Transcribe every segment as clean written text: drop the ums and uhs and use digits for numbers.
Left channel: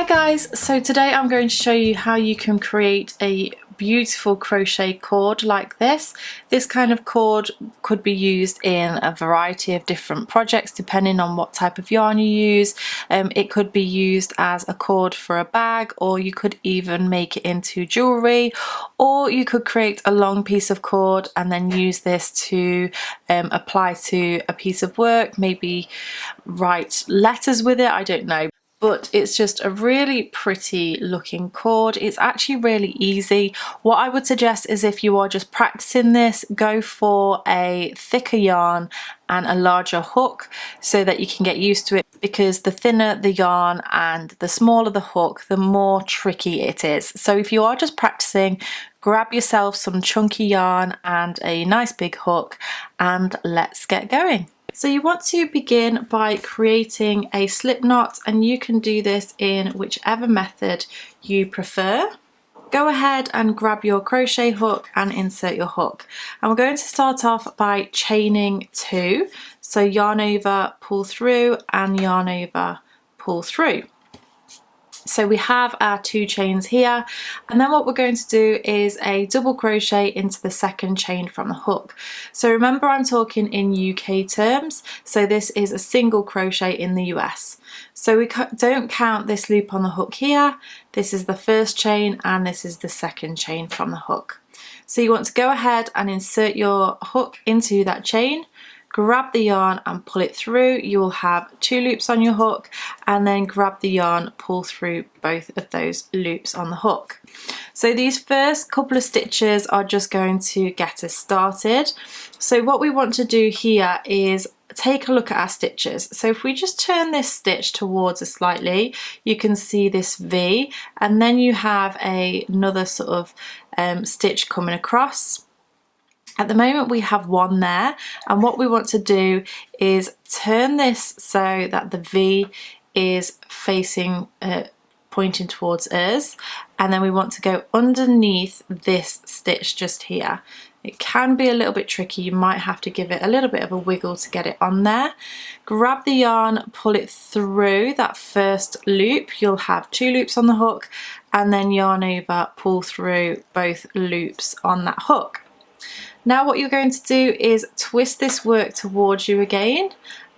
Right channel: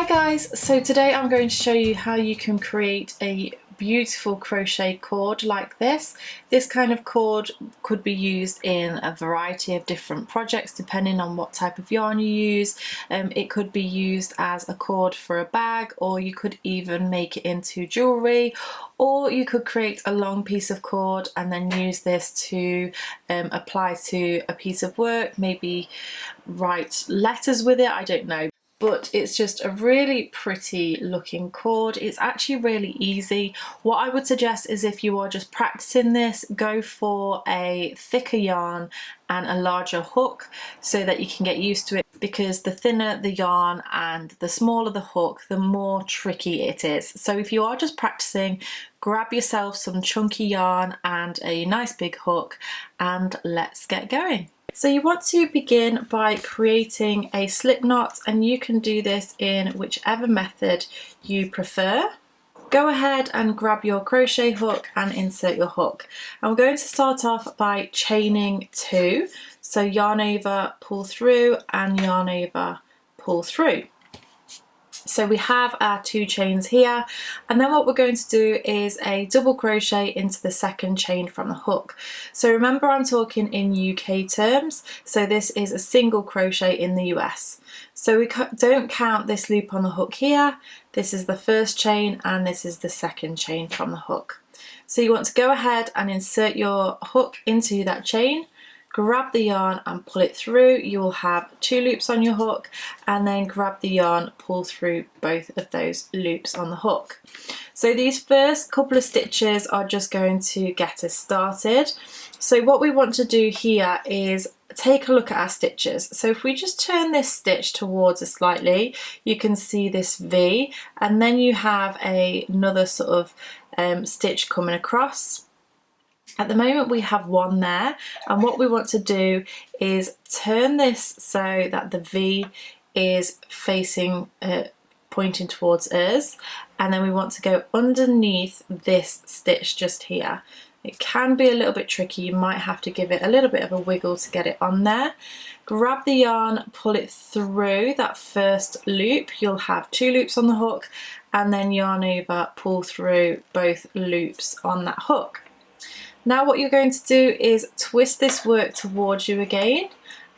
Hi guys, so today I'm going to show you how you can create a beautiful crochet cord like this. This kind of cord could be used in a variety of different projects depending on what type of yarn you use. It could be used as a cord for a bag, or you could even make it into jewellery, or you could create a long piece of cord and then use this to apply to a piece of work, maybe write letters with it, I don't know. But it's just a really pretty looking cord. It's actually really easy. What I would suggest is, if you are just practicing this, go for a thicker yarn and a larger hook so that you can get used to it, because the thinner the yarn and the smaller the hook, the more tricky it is. So if you are just practicing, grab yourself some chunky yarn and a nice big hook and let's get going. So you want to begin by creating a slip knot, and you can do this in whichever method you prefer. Go ahead and grab your crochet hook and insert your hook. And we're going to start off by chaining 2. So yarn over, pull through, and yarn over, pull through. So we have our 2 chains here, and then what we're going to do is a double crochet into the second chain from the hook. So remember, I'm talking in UK terms, so this is a single crochet in the US. So we don't count this loop on the hook here. This is the first chain and this is the second chain from the hook. So you want to go ahead and insert your hook into that chain, grab the yarn and pull it through. You will have 2 loops on your hook, and then grab the yarn, pull through both of those loops on the hook. So these first couple of stitches are just going to get us started. So what we want to do here is take a look at our stitches. So if we just turn this stitch towards us slightly, you can see this V, and then you have another sort of stitch coming across. At the moment we have 1 there, and what we want to do is turn this so that the V is facing, pointing towards us, and then we want to go underneath this stitch just here. It can be a little bit tricky, you might have to give it a little bit of a wiggle to get it on there. Grab the yarn, pull it through that first loop, you'll have 2 loops on the hook, and then yarn over, pull through both loops on that hook. Now what you're going to do is twist this work towards you again,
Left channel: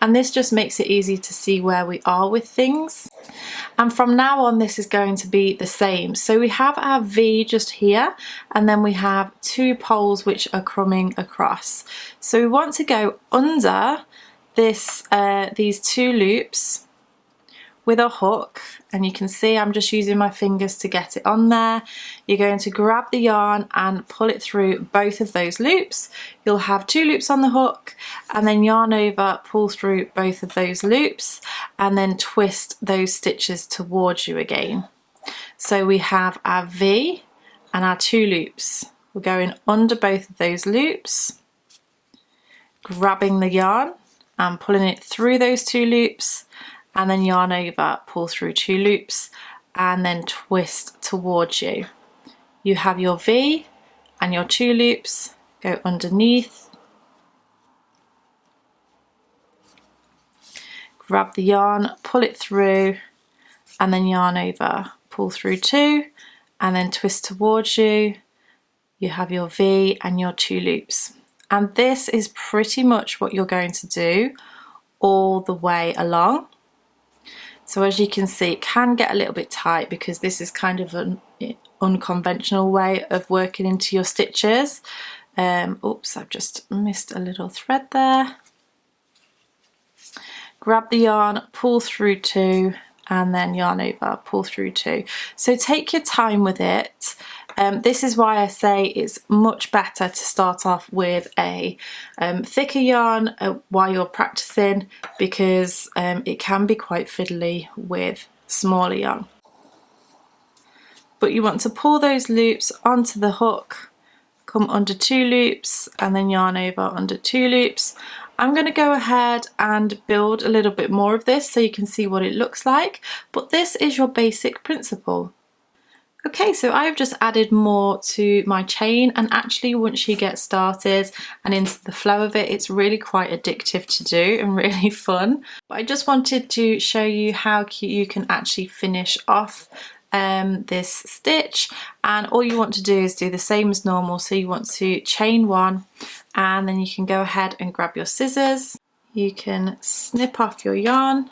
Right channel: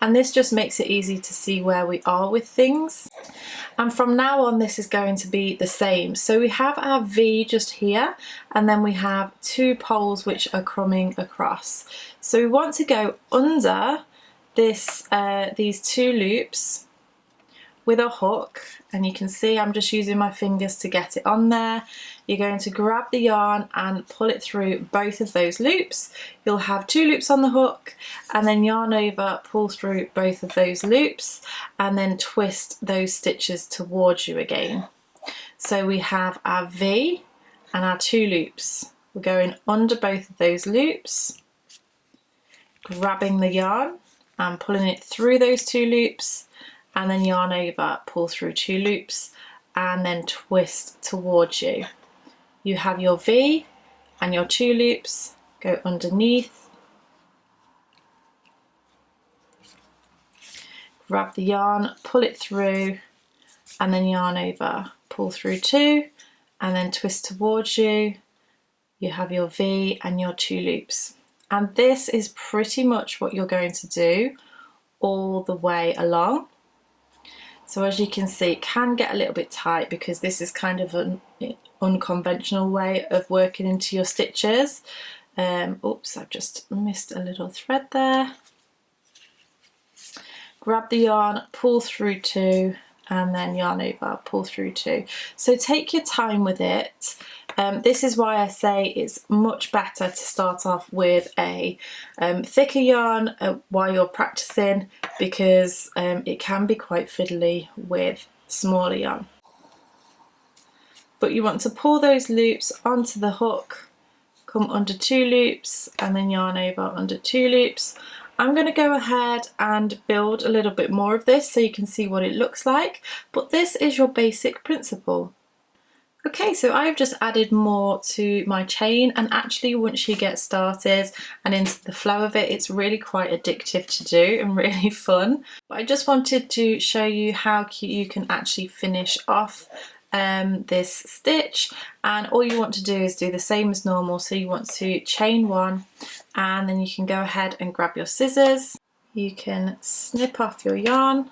and this just makes it easy to see where we are with things. And from now on this is going to be the same. So we have our V just here, and then we have 2 poles which are coming across. So we want to go under this, these 2 loops with a hook, and you can see I'm just using my fingers to get it on there. You're going to grab the yarn and pull it through both of those loops. You'll have 2 loops on the hook, and then yarn over, pull through both of those loops, and then twist those stitches towards you again. So we have our V and our 2 loops. We're going under both of those loops, grabbing the yarn and pulling it through those 2 loops, and then yarn over, pull through 2 loops, and then twist towards you. You have your V and your 2 loops, go underneath, grab the yarn, pull it through, and then yarn over, pull through 2, and then twist towards you. You have your V and your 2 loops. And this is pretty much what you're going to do all the way along. So as you can see, it can get a little bit tight because this is kind of an unconventional way of working into your stitches. Oops, I've just missed a little thread there. Grab the yarn, pull through 2, and then yarn over, pull through 2. So take your time with it. This is why I say it's much better to start off with a thicker yarn while you're practicing, because it can be quite fiddly with smaller yarn. But you want to pull those loops onto the hook, come under 2 loops, and then yarn over under 2 loops. I'm going to go ahead and build a little bit more of this so you can see what it looks like, but this is your basic principle. Okay, so I've just added more to my chain, and actually once you get started and into the flow of it, it's really quite addictive to do and really fun. But I just wanted to show you how you can actually finish off this stitch, and all you want to do is do the same as normal. So you want to chain one, and then you can go ahead and grab your scissors. You can snip off your yarn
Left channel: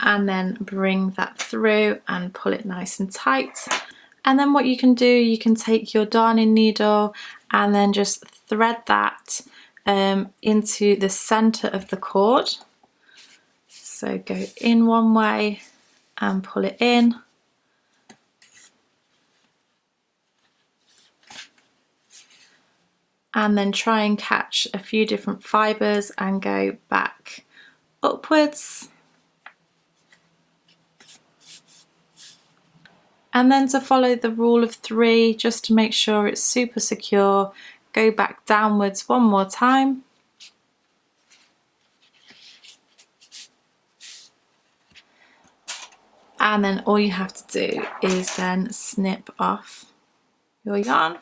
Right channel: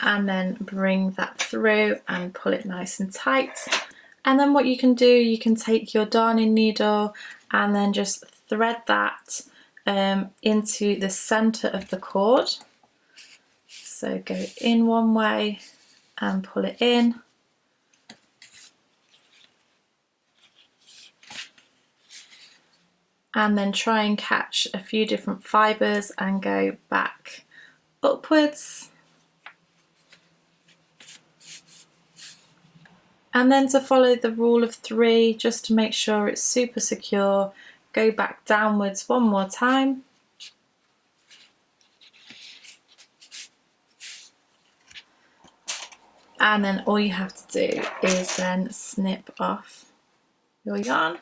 and then bring that through and pull it nice and tight. And then what you can do, you can take your darning needle and then just thread that into the center of the cord. So go in one way and pull it in. And then try and catch a few different fibers and go back upwards. And then to follow the rule of three, just to make sure it's super secure, go back downwards one more time. And then all you have to do is then snip off your yarn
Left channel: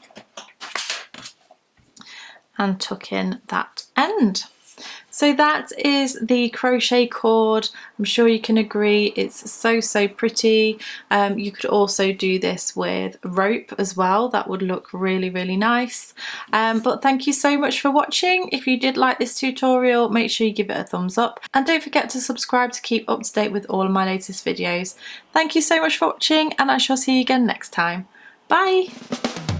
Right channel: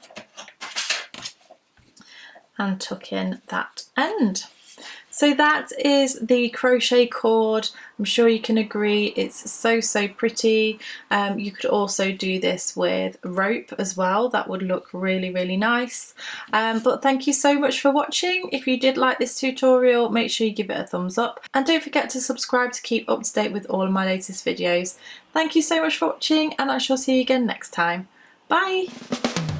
and tuck in that end. So that is the crochet cord. I'm sure you can agree it's so pretty. You could also do this with rope as well. That would look really nice. But thank you so much for watching. If you did like this tutorial, make sure you give it a thumbs up, and don't forget to subscribe to keep up to date with all of my latest videos. Thank you so much for watching, and I shall see you again next time. Bye!